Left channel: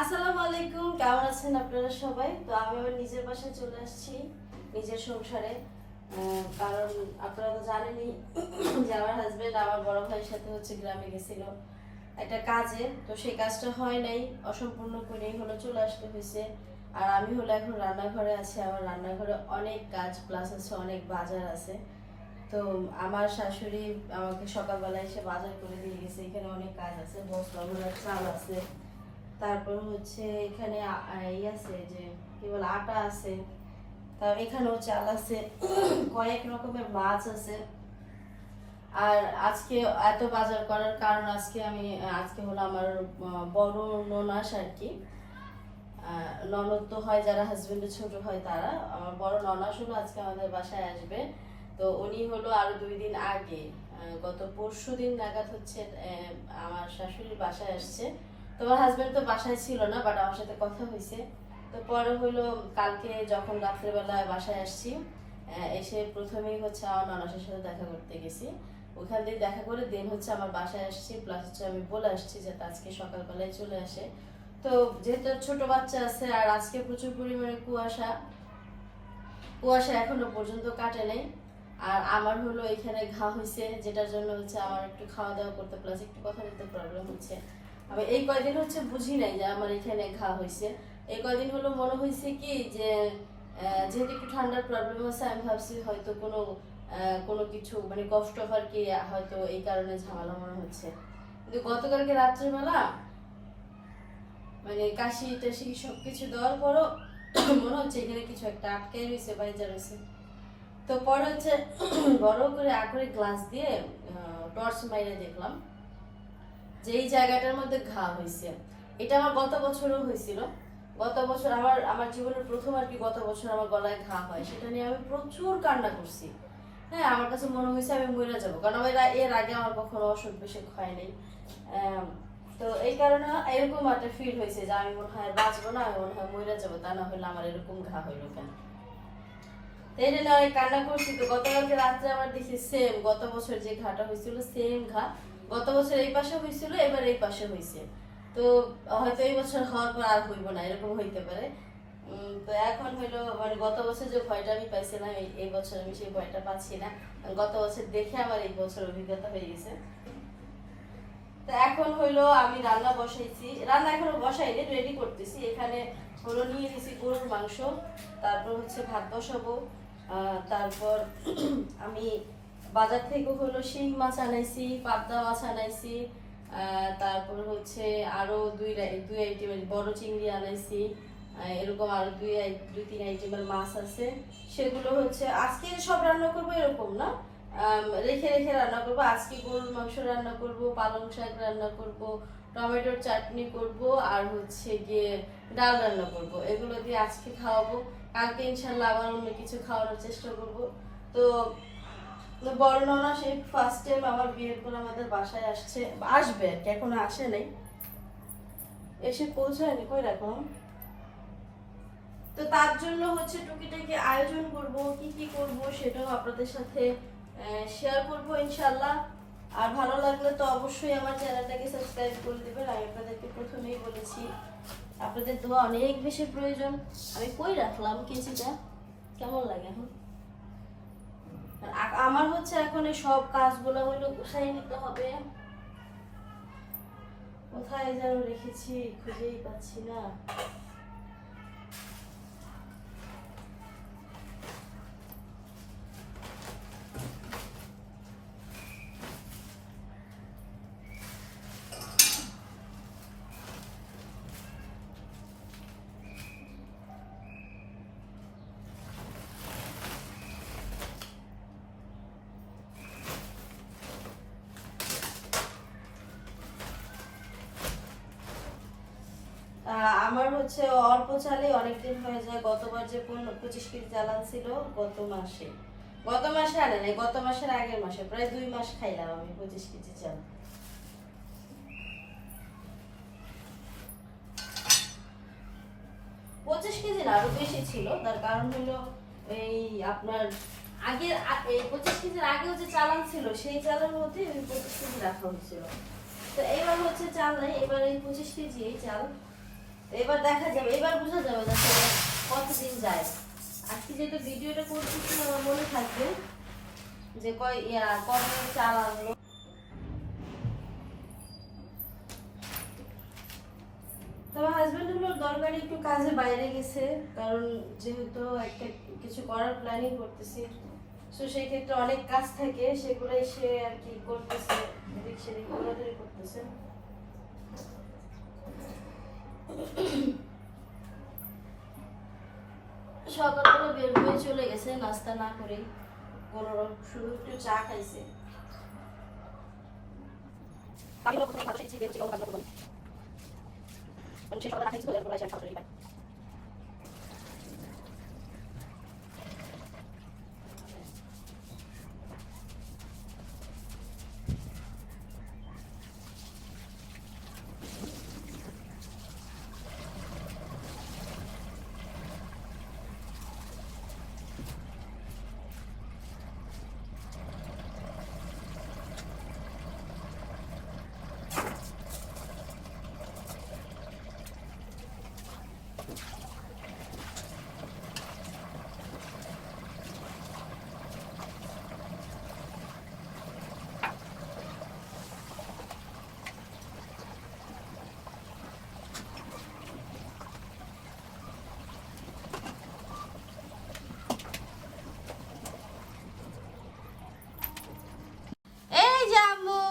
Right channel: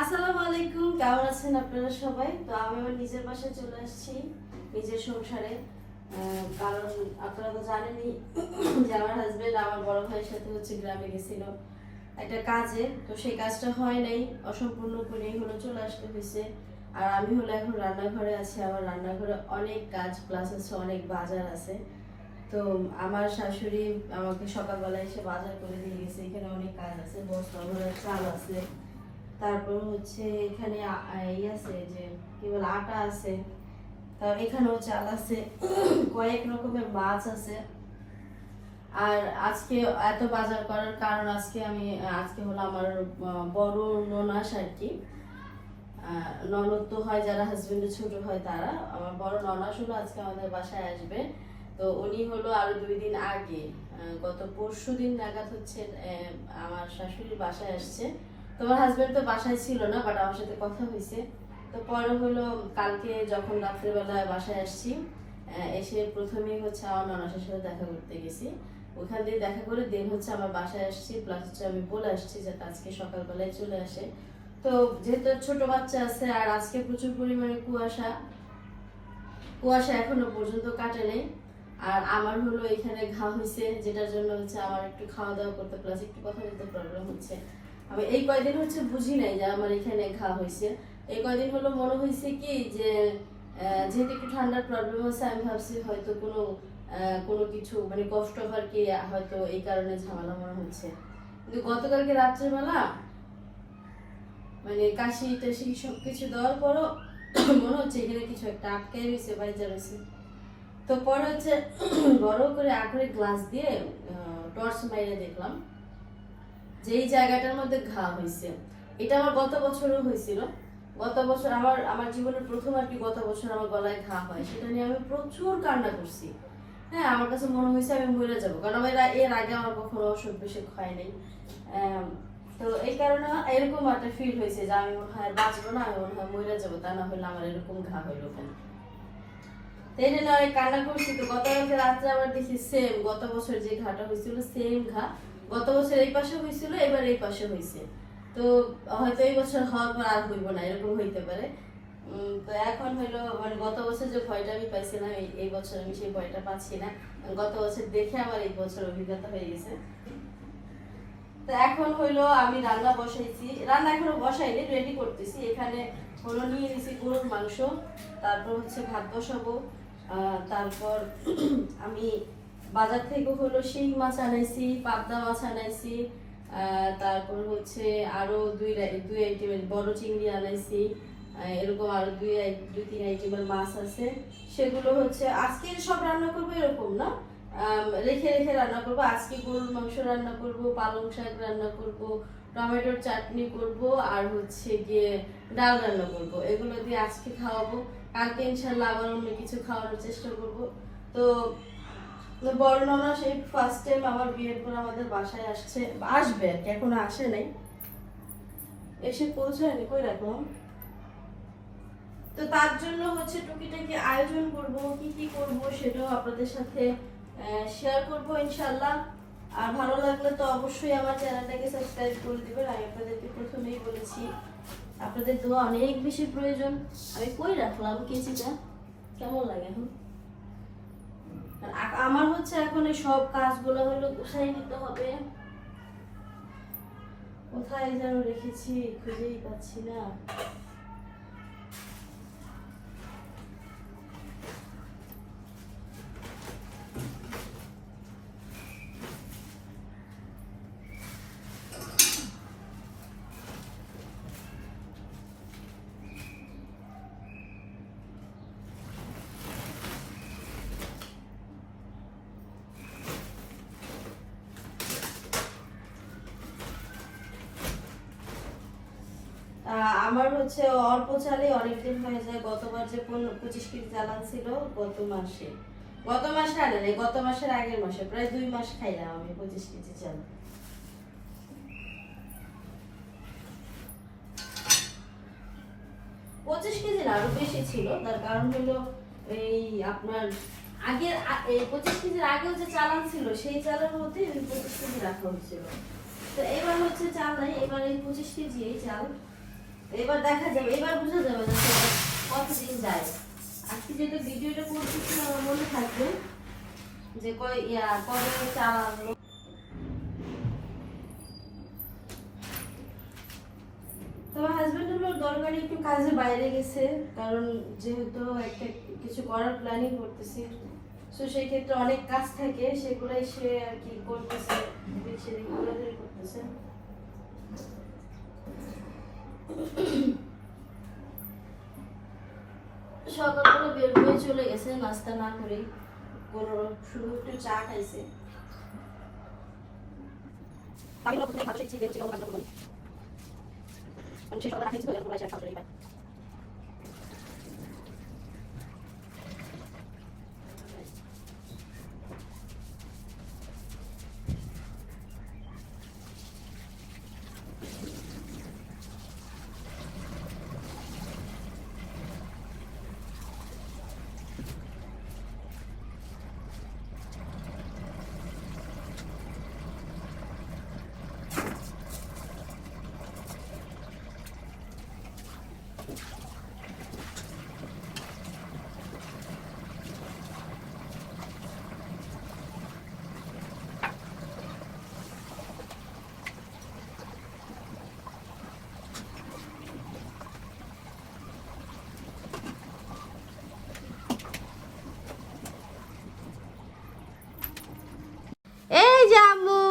আসসালামু আলাইকুম, কেমন আছেন আপনারা সবাই? তো আমি আমার নিজের বাসায় চলে আসছি, নিজের সংসারে। কারণ আপনারা তো জানেনই যে আমার হাজবেন্ড আমার বড় ভাইয়ের সাথে হচ্ছে গ্রামে গেছিল একটা কাজে। তো সেই কাজটা হয় নাই, অসম্পূর্ণ করেই হলো চলে আসতে হয়েছে। আর আমি হলো এখন রান্নাঘরে আছি, আমার রান্নাঘরে অনেক কাজ প্লাস হচ্ছে অনেক বাজার আছে। তো আমার শাশুড়ি আমাকে সকালবেলা এসে বাজার করে দিয়ে গেছে, এখানে অনেক কাজ আছে, বস্তা চাল আছে। তারপর হচ্ছে এখানে ই আছে যে কি বলে, আটা আছে। তারপর এখানেও চাল আছে। কয়েক রকমের মাছ আছে। আর আজকে এত বাজার করার কারণ আজকে আমি, আজকে হলো আমার বড় ননাস আর কি। ননদ তো হয়, যারা হাজবেন্ডের ছোট হয় তারা। আমার বড় ননাস হলো আজকে আমাদের বাসায় আসবে। তো উনি হলো আরও দুই দিন আগে গত পরশু দিন নাগাদ হচ্ছে আমার শাশুড়ি বাসায় আসছে। তোমার হাজবেন্ড তো বাসায় ছিল না বাট আমার সাথে কথা হয়েছে। তো পরে হলো, কালকে যখন রাত্রেবেলা বাসায় আসছি এসে প্রথমেই হচ্ছে আমার ননাসের সাথে দেখা করতে গেছি। ওখান দিয়ে দেখা করে দিন হচ্ছে আমার বাসায় আসছি প্লাস হচ্ছে আমি বলে আসছি যাতে আজকে সকালবেলায় চলে আসে। তো যেহেতু ছোট বাচ্চা আছে, আর আজকে প্রচুর পরিমাণে কুয়াশা কুয়াশা এখনও পর্যন্ত কাটে নাই। আর আমার হলো এখানে ঘা হয়েছে, যেটার জন্য হচ্ছে আমার একটু খাওয়া দাওয়া করতে প্লাস একটু কথা বলতে প্রবলেম হচ্ছে। আমি এই কয়দিন হচ্ছে বুঝি নাই যে আমার এখানে ঘা হয়েছে। এই কয়দিন হলো মনে হয়েছে কি যে যেহেতু একটু ঠান্ডার প্রবলেম আছে, আমি ভাবছি হয়তো কোনো কোনো কিছু মানে কষ্ট আর কি হয়তো এই কারণে ঝামেলা মনে হচ্ছে। কিন্তু গতকালকে রাত্রেবেলা মানে কাশি টাশি সব কিছু দেওয়ার পরও মনে হচ্ছে এখানে কিছু একটা আটকাই রয়েছে বাইজা রয়েছে তো পরে হচ্ছে বড় করে আখরে গ্লাস দিয়ে টর্চ মাইরে দেখলাম। যে এই জায়গাটার মধ্যে ঘা হয়েছে এটা আমার গত বছরও হয়েছিল গত বছর আমার আমার জীবনের প্রথম আর কি গত বছর আমার গলায় ঘা হয়, সেটা নিয়ে আমি প্রচুর কান্না করছি। হ্যাঁ আমার কাছে মনে হয়েছে আমি মরে যাব, কারণ আমার এর- আগে আমার কখনো অসুখ বিসুখ হয় নাই। তো এই কারণে এরকম একটা ফিল হয়েছে যে আমি মনে হয় বাঁচবো না, আমি মনে হয় মরে যাব, তা না হলে আমার এরকম ঘা হইল কেন? তো এই জন্য কান্না করছি। তো গতকালকে রাত্রে আবার দেখি সেম গত বছর যে ঘাটা হয়েছিল সেম ঘা। গত বছর এই পাশে হয়েছিল, এবার এই পাশে হয়েছে। তো হয়তো এই বছর হওয়ার পর আর হইব না, এরকম হইতে পারে। তো এখন হলো মানে গত বছর যে ভয়টা আমি পাইছিলাম, এই- বছর আমি সেই ভয়টা পাচ্ছি না। গত বছর দেখে আমার এই বছর অভিজ্ঞতা হয়ে গেছে। তো এখন হইল আমি রান্না বসাইছি। রান্না এখনও বসাইনি রেডি করতেছি। এখানে হলো নিয়ে নিছি গরুর মাংস, তারপর হচ্ছে ভাত বসাবো। তারপর আমি বাজার থেকে হলো শিং মাছ আনাইছি, পাবদা মাছ আনাইছি তারপর হচ্ছে আরও দুই দুই আইটেমের বড় চিংড়ি আনাইছি এরকম আরও দুই দুই, তিন আইটেমের মাছ আছে। সেগুলো হচ্ছে আজকে সব রান্না করব এরকম না। রেখে রেখে রান্না করব। আজকে গরুর মাংস রান্না করব, পালং শাক রান্না করব, টমেটোর চাটনি করব, আর হচ্ছে গিয়ে ডাল রান্না করব। এগুলো দিয়ে আজকে খাওয়াবো। কালকে ইনশাল্লাহ আবার অন্য কিছু খাওয়ানোর চেষ্টা করব। তো বড় সেই ফার্স্ট টাইম বিয়ের পর আমাদের বাসায় আসছে, আসবে আর কি এখনও আসে নাই। এসে পৌঁছায়নি কই তো তার জন্য হচ্ছে টুকিটাকি আয়োজন করব, কি কি করব সেটাও আপনাদের সাথে শেয়ার করব ইনশাল্লাহ আর ভালো লাগলে তো অবশ্যই আমার চ্যানেলটাকে সাবস্ক্রাইব করে দেবেন। আমি আপনাদেরকে প্রথমেই বলেছি, আপনাদের দোয়া অনেক বেশি প্রয়োজন। আমি কই রাখলাম কেচিটা কেমন লাগে এখন? আমার হচ্ছে এখন এই সব কাজগুলো হলো কোথায় নিতে হবে? কোথায় যেন রেখেছি, খুঁজেই পাচ্ছি না। আমার হচ্ছে অল্প চালে অনেকদিন হয়ে যায়। গতবার যে পঁচিশ কেজি চালান ছিল গত মাসে। গত মাসে আনে নাই, গত মাসের আগের মাসে, প্রায় দুই মাস খাইলাম আমি পঁচিশ কেজি চাল। পঁচিশ কেজি না, আরও বেশি ছিল। তার কারণ হলো এই আপনার আগের এই পঁচিশ কেজির আগেও যে চালান ছিল, সেই চালের মধ্যে পঁচিশ কেজি রাখা হয়েছিল। তো এবার হচ্ছে চাল নাই, এবার এই পঁচিশ কেজি এই চাল এবার দেখা যাবে, এবার বোঝা যাবে কতদিন যায়। আজকে যেটা ভিডিওটা করতেছি আমার মনে থাকবে যে কতদিন চাল আনলো দরকারি একটু কাজে বাইরে গেছে, কারণ যেহেতু একটা কিছু করার প্ল্যানিং করতেছি, তো সেই ক্ষেত্রে অনেক কাজ থাকে, সেগুলাই সে আর কি করতেছে করতেছে। সকালবেলা বের হয়ে চলে গেছে নাস্তা না করে কোনো শুধু একটু চা খাইছে আমি প্রথমে খাবার খেয়েছি, বের হচ্ছে, কোনো কাজ করব না। কারণ সকালে না তো এরপর আর খাবার পাই এই জামু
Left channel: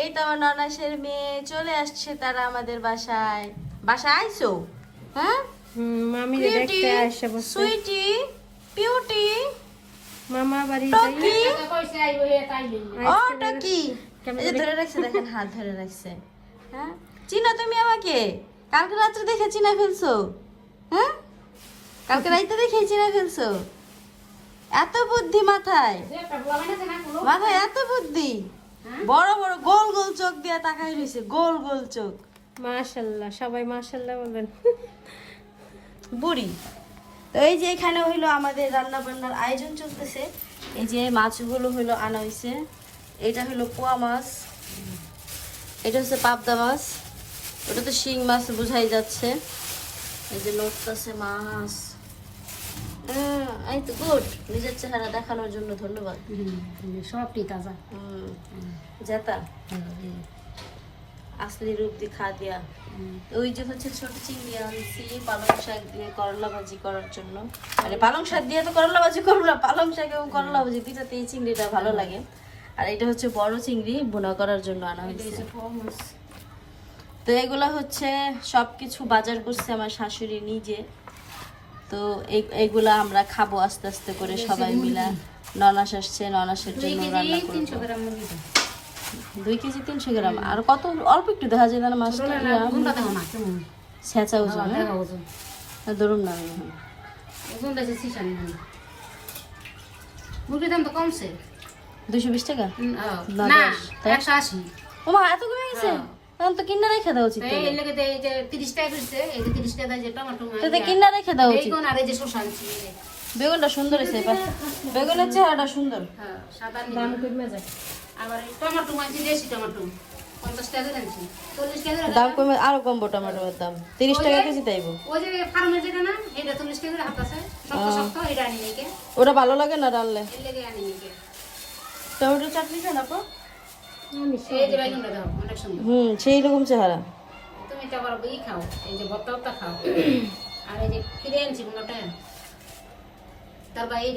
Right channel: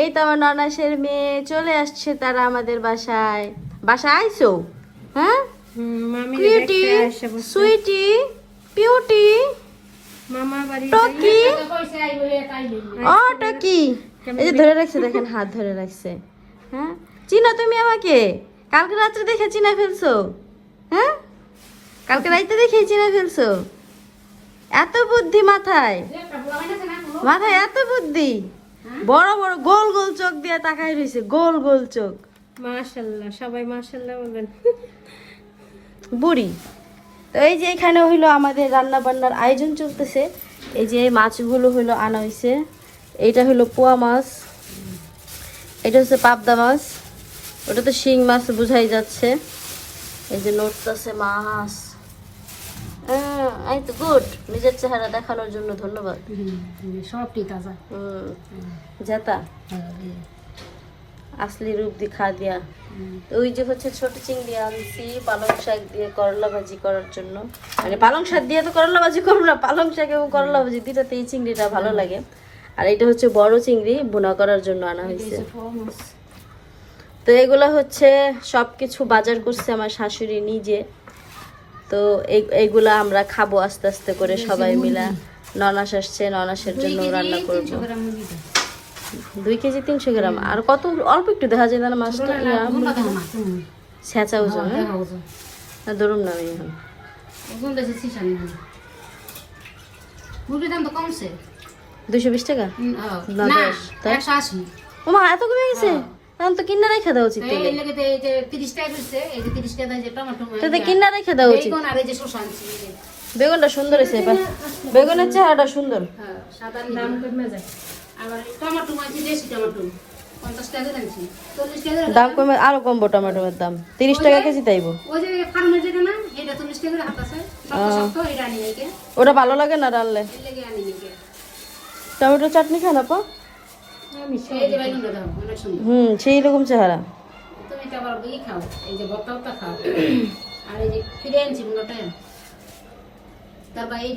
এই তো আমার ননাসের মেয়ে চলে আসছে তারা আমাদের বাসায়। বাসায় আইসো হ্যাঁ? মামি কিউটি সুইটি পিউটি টকি ও টকি। এই যে ধরে রাখছে দেখেন হাত ধরে রাখছে। হ্যাঁ? চিনো তুমি আমাকে? কালকে রাত্রে দেখে চিনা ফেলছো? হ্যাঁ? কালকে রাইতে দেখে চিনা ফেলছো? এত বুদ্ধি মাথায়। মাথায় এত বুদ্ধি? বড় বড় গোল গোল চোখ দিয়ে তাকাই রয়েছে গোল গোল চোখ। মাশাল্লাহ সবাই মাশাল্লাহ বলবেন। বুড়ি। তো এই যে এখানে হইল আমাদের রান্না বান্নার আয়োজন চলতেছে। এই যে মাছগুলো হইল আনা হয়েছে এইটা হইল পোয়া মাছ। এটা হচ্ছে পাবদা মাছ। ওটা তো শিং মাছ বোঝাই যাচ্ছে। এই যে নড়তেছে মাছ। এই তো গুড নিজের চেহারা দেখানোর জন্য ধন্যবাদ। সবটি তাজা। জেতা। আসলি রূপ দিখা দিয়া। ওই যে হচ্ছে ছোট চিংড়ি আনছি পালং শাক দিয়ে করলা ভাজি করার জন্য। মানে পালং শাক দিয়ে তো করলা ভাজি করব না পালং শাক এবং করলা ভাজি দুটাতে এই চিংড়িটা ভালো লাগে। আর এটা হচ্ছে বড় চিংড়ি বোনা করার জন্য আনা হয়েছে। তো এগুলো হচ্ছে সব কিছু বাজার করছে আমার শাশুড়ি নিজে। তো এই- এইগুলা আমরা খাব আস্তে আস্তে করে সবাই মিলা। ননাস আসছে ননাসের জন্য রান্না করব। দুই কেজি তিনশো গ্রাম। আর কত অল্প একটু দেখা যায় না মাছটা ছেঁচা ওজন হ্যাঁ? না ধরুন না মুরগির দাম তো কমছে। দুইশো বিশ টাকা? না, একশো আশি। ও মা এত কমে গেছে? তো কিনা রেখে দেওয়া উচিত এই তাহলে। এই যে তিরিশ টাকা দিচ্ছে এই যে তিরিশ টাকা যে টমেটো তাহলে কিনা রেখে দেওয়া উচিত। বেগুন আর এই যে শসা আনছি এই যে। বেগুনটা সুন্দর হয়েছে এবার। বেগুনের চেহারাটা সুন্দর। হ্যাঁ, সাদা নিয়ে আবার টমেটো দেশি দাম কমে আরও কমবো টমেটোর দাম। তিরিশ টাকা কেজি তাইবো। ওটা ভালো লাগে না রানলে টমেটো চাটনি খান আপা? হুম, সেই রকম চেহারা। তুমি তো আবার আর এই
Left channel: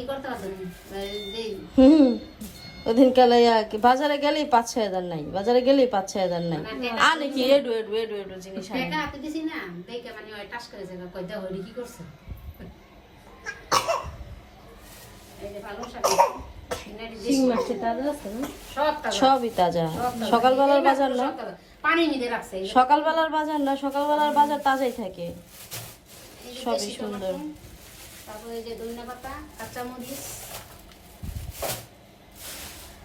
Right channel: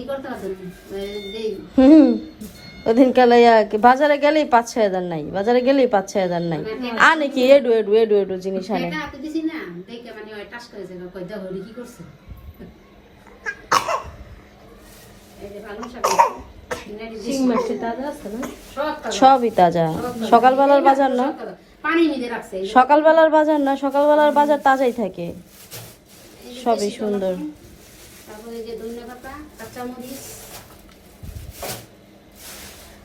বাজারে গেলেই পাঁচ ছয় হাজার নাই, বাজারে গেলেই পাঁচ ছয় হাজার নাই। আনে কি এডু এডু এডু এডু জিনিস আনে। এই সবই তাজা। সকালবেলার বাজার না। সকালবেলার বাজার না সকালবেলার বাজার তাজাই থাকে। সবই সুন্দর।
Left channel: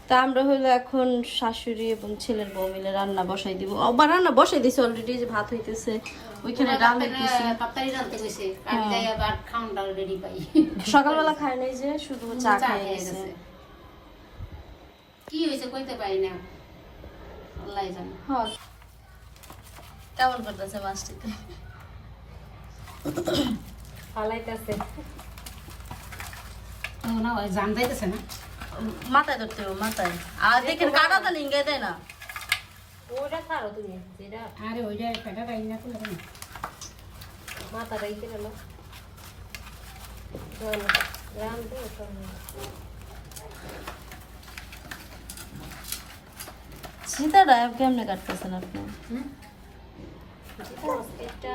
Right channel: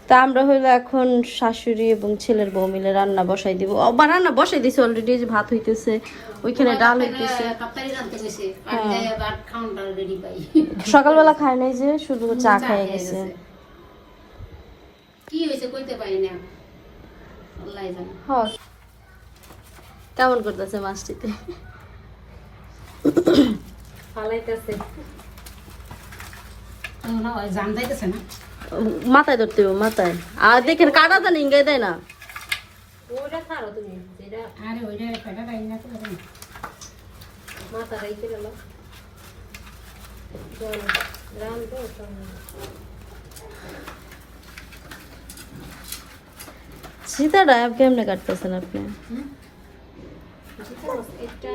তা আমরা হইল এখন শাশুড়ি এবং ছেলের বউ মিলে রান্না বসাই দিব। বা রান্না বসাই দিছে অলরেডি যে ভাত হইতেছে ওইখানে ডাল হইতেছে। পাই। সকালবেলা খায় নাই যে শুধু চা খাই গেছে। কি হয়েছে কইতে পারি না। আল্লাহ জানে। হ্যাঁ কেমন করতেছে মাছটিতে ফালাইতেছে জান যাইতেছে না। মাথায় ধরতে হবে মাথায়। আর দেখেন কাটা তো নিঙ্গাই দেয় না ওটা ছাড়ো তুমি যেটা আরে ওইটা পেটা রাইন না করে মাথা রাইতে গেল গ্রাম তো সীতাটা কেমনে কাটতেছেন আপনি এটা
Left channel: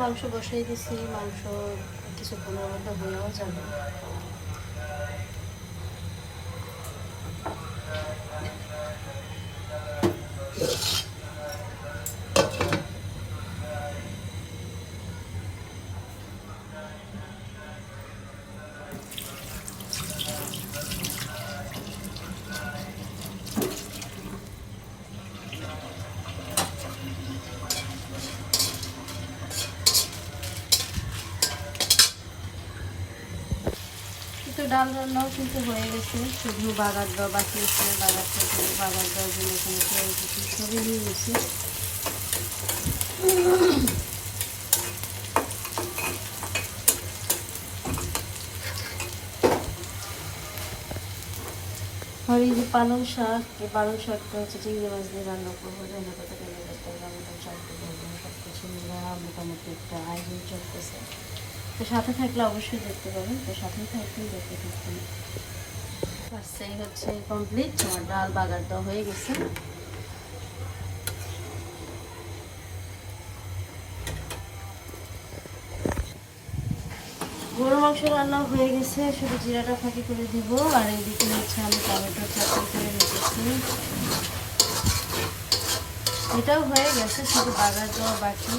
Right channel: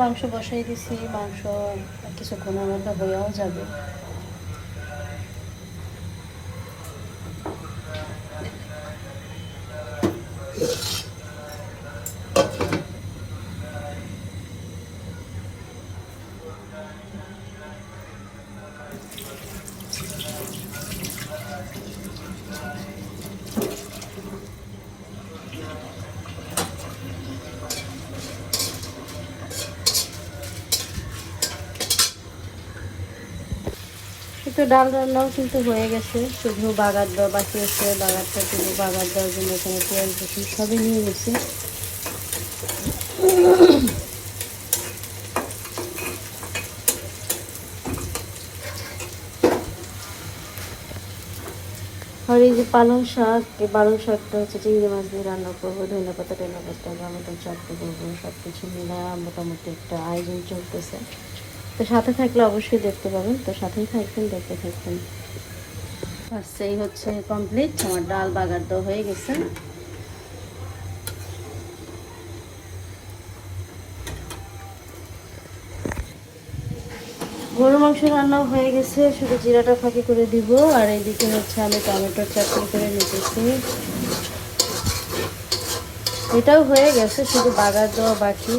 মাংস বসাই দিছি মাংস কিছুক্ষণের মধ্যে হয়েও যাবে কিন্তু ডাল রান্নাও কিন্তু হয়ে গেছে। শুধু বাগার দেওয়া বাকি আছে বাগারটা শুধু বাগার দেওয়ার জন্য এখানে পেঁয়াজ, রসুন সবই নিয়ে গেছি আর এই যে পালং শাক, এই পালং শাকটা হচ্ছে চিংড়ি মাছ দিয়ে রান্না করব ধনে পাতা টেনে পাতা, টমেটো চাটতে করব সব কিছু মিলে মোটামুটি একটা আয়োজন চলতেছে। তো সাথে থাকলে অবশ্যই দেখতে পাবেন। তো সাথেই থাকবেন দেখতে থাকবেন। আর সেই হচ্ছে কমপ্লিট আমার ডাল বাগার তো হয়ে গেছে। গরু মাংস রান্না হয়ে গেছে শুধু জিরাটা ফাঁকি করে দিব। আর এইদিকে হচ্ছে আমি টমেটোর চাটনি করে নিতেছি। এটাও হয়ে গেছে শুধু বাগার দেওয়া বাকি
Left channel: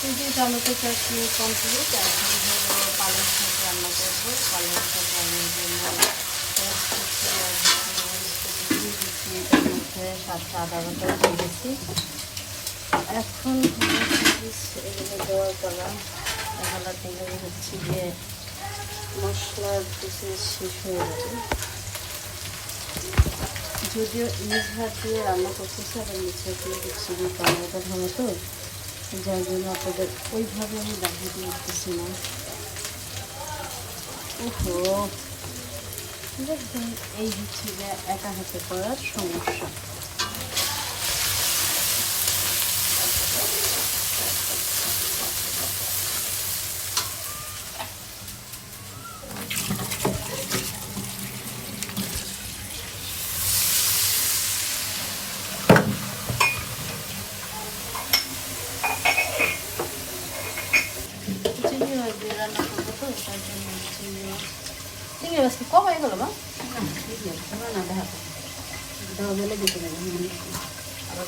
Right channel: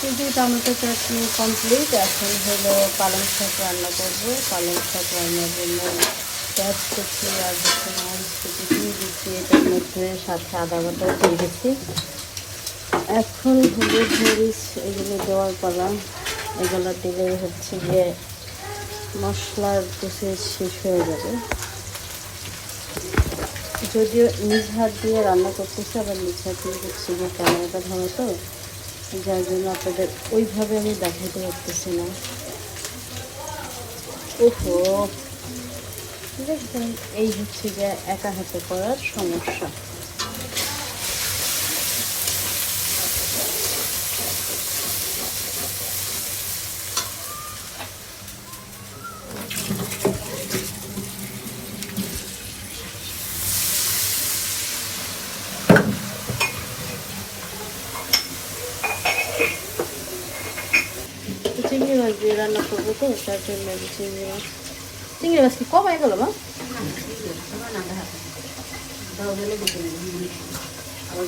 কিন্তু টমেটো চাটনি কমপ্লিট এখন হলো পালং শাক রান্না করব। পালং শাক রান্নার জন্য পেঁয়াজ কুচি আর দিচ্ছি। এটার মধ্যে সাথে আদা বাটাও দিয়ে দিচ্ছি। এখন হলুদ মরিচ এগুলো দেওয়ার পালা। এগুলো দিলে হচ্ছে যে মশলার কিছু শেষ হয়ে যাবে। যদিও নিজ হাত দিয়ে রান্না করতেছে আবার নিজ হাত দিয়ে হচ্ছে যে কালারটা ভাঙে তো। যার জন্য আপনাদের ওইভাবে আমি দেখাতে পারতেছি না। দেখবেন এই হচ্ছে যে একা হাতে করার সমস্যা তো চিংড়ি মাছ দিয়ে রান্না করব তো তার জন্য আমি চিংড়ি মাছ কম হয়ে গেল মা আবার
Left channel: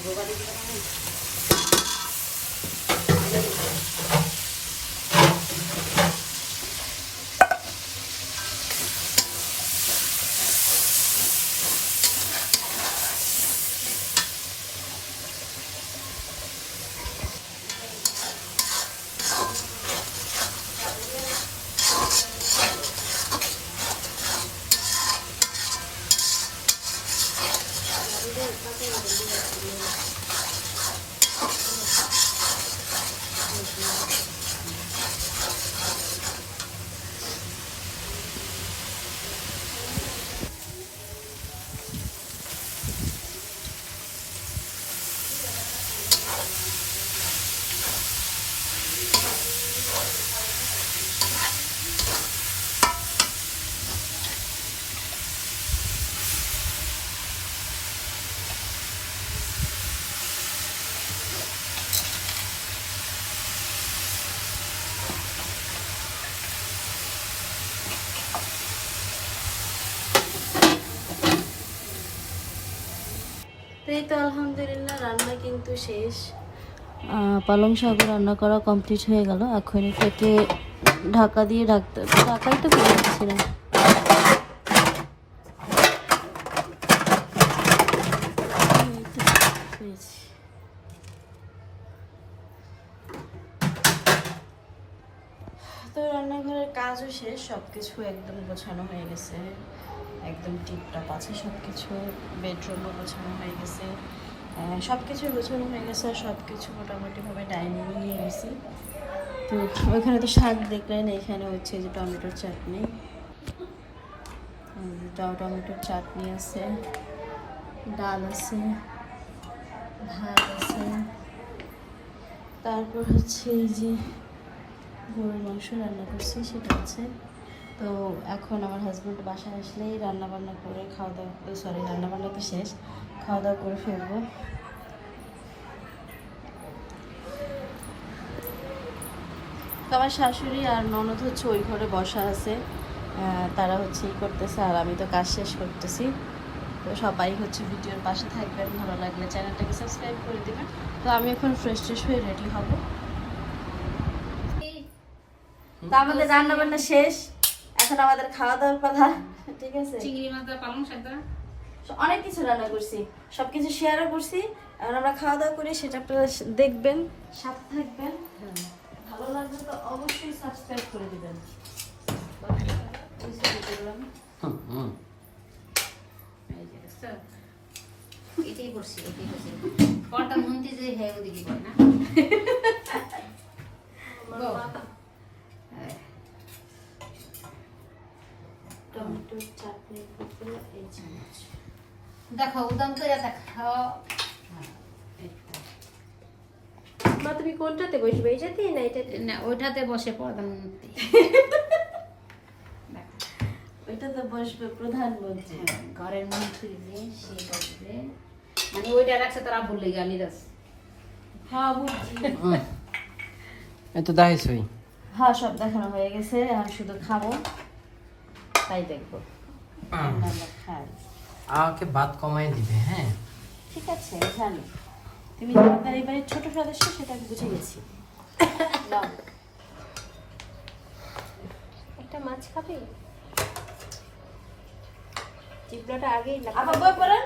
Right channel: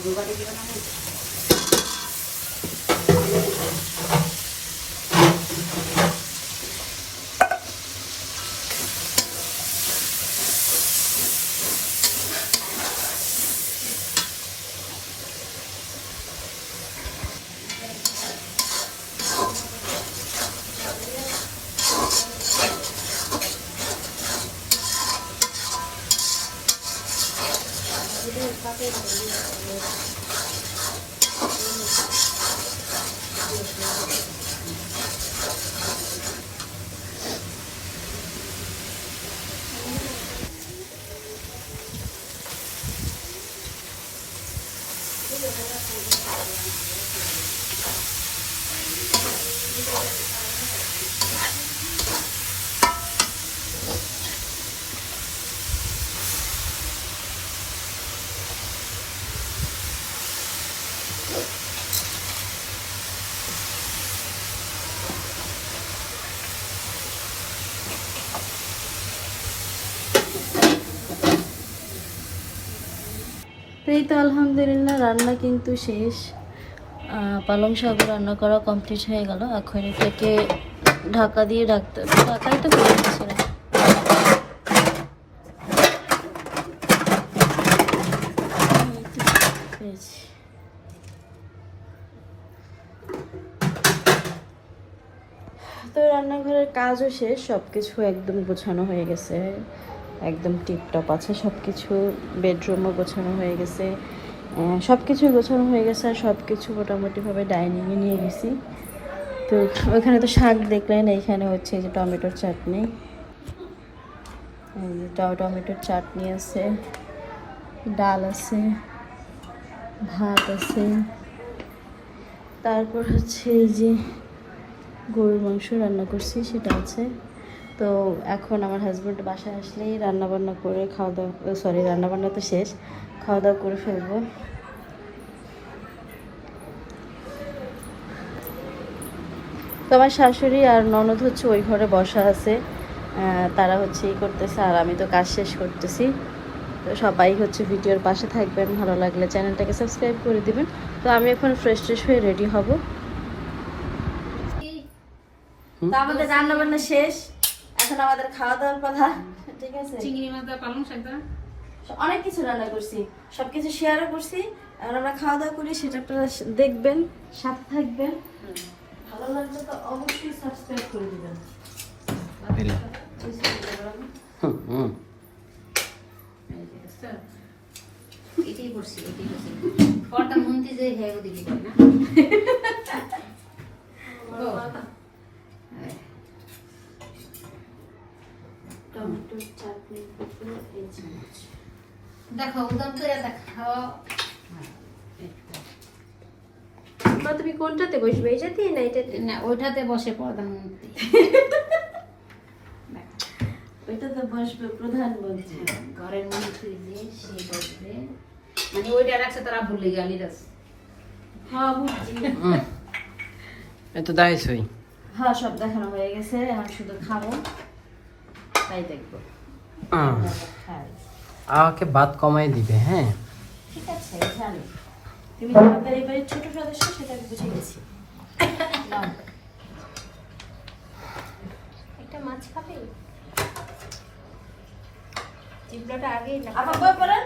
এই তো আলহামদুলিল্লাহ, রান্না কিন্তু শেষ। পালং শাক রান্না করা কমপ্লিট হয়ে গেল। এখন এটাকে ঢাকা দিয়ে ঢাকতে ঢাকাই তো। তো রান্নাঘরের কাজও শেষ সব কিছু একদম গোছানো হয়ে গেছে। একদম টিপটপ আছে সব কিছু বেডরুমও গোছানো হয়ে গেছে। সব কিছু গোছানো হয়ে গেছে আর সব কিছু মোটামুটিভাবে ডাইনিংয়ে নিয়ে গেছি তো ওইখানে তো শাক দেখলেন এইখানে হচ্ছে যে টমেটোর চাটনি। টমেটোর চাটনি আছে, ডাল আছে, ভাত আছে। তারপর হচ্ছে যে গরুর মাংস রান্না করছি, সেটা আছে। তো এখন আমার হাজব্যান্ড বাসায় আসলেই রান্না বান্না করে খাওয়া দাওয়া সরি রান্না বান্না তো শেষ, খাওয়া দাওয়া করে ফেলব। তো আমার শাশুড়ি আর ননদ হচ্ছে ওই ঘরে বসা আছে তারা হচ্ছে ই করতেছে আর আমি তো কাজ শেষ করতেছি। তো সবাই হচ্ছে ভিডিওর পাশে থাকবেন, ভালো লাগলে চ্যানেলটাকে সাবস্ক্রাইব করে দিবেন। তো আমি এখন ফ্রেশ ট্রেশ হয়ে রেডি হব। তো আমাদের রান্না বান্না শেষ। এখন আমাদের খাওয়া দাওয়ার কথা ঠিক আছে? চিংড়ি মাছ দা পালং শাক দা অনেক কিছু রান্না করছি সবকিছু শেয়ারও করছি। এখন আমরা খাওয়া দাওয়া করি সেটা আপনারা দেখবেন সাথে থাকবেন। ভালো লাগলে তো অবশ্যই সাবস্ক্রাইব করে দিবেন। এটাই করছি এটাই করছি। পরটা মনতে যে হ্যাঁ দিবি না ও, টমেটোর চাটনি করতে এই চামচ দেখো উদম করে দেখাও বা তুমি কোনটাতে বসবে? এইটাতে না এটাতে না ওইটাতে বসে প্রধানমন্ত্রী। ওইটাতে বসবে প্রধানমন্ত্রী। ঘরের মন্ত্রী যে সে বসবে। মানে ওইটা রাখছে তারা ভুলে গেলি হ্যাঁ বুঝছি। দাইছই হ্যাঁ সব দেখানো হয়ে গেছে এখন শুধু খাব। তাই দেখব। খাই। আমাকে বাদ কমাই দিবে হ্যাঁ? ঠিক আছে জানি। তুমি যে আমাদের এবারে ছোট সদস্য সেটা আমি বুঝে গেছি। একটা মাছ খাবে? চিপড়াটা আগে আবার বই পড়েন